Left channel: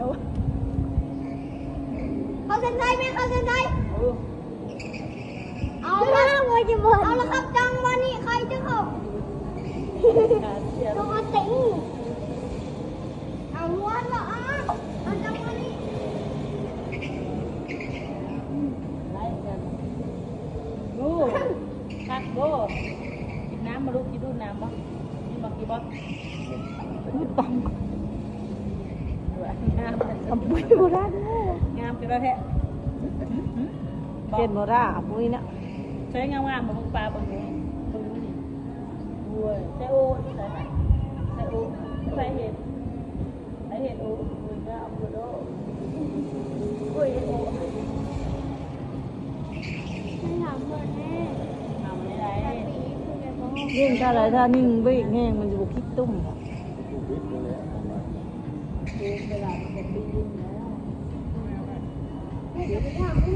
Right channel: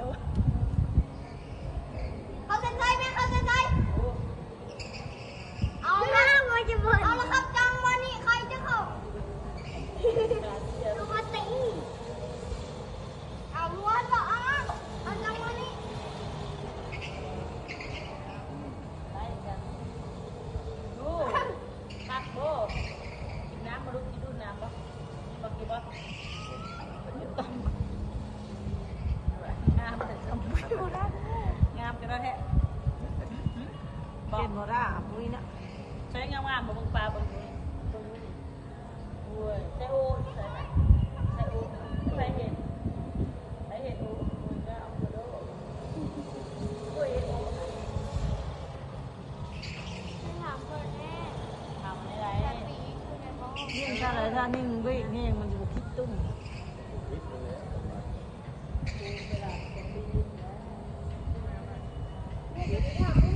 เขาเซ็นไซไหมเขาเซ็นไซเอาละเอาละครับจังวันนี้ใครจะเข้าต้องมาติงเอาล้วนละอ่ะเอาจังวันนี้ไล่กันดูพักดูกินน้ำมาลูกกินดูน้ำมั้งกินบ้างกินบ้างปังงามปุ้ยโบราณงามกันแล้วแท้เป็นโบราณปุ้ยนะใช้งามๆมาบุกปลาบนนี้ใช้โอ๊ตใช้โอ๊ตใช้เห็ดใช้เห็ดโอ๊ตคุยก็เอาบุโร่คุยให้โอ๊ตไม่ถามเพื่อนแน่ ทำไม่ได้ ปีคือไงบ้าง ยิ่งถ้าอะไรถ้านิ่งเบ้งแห้งมันอยู่คิดตุ้มค่ะ ถาม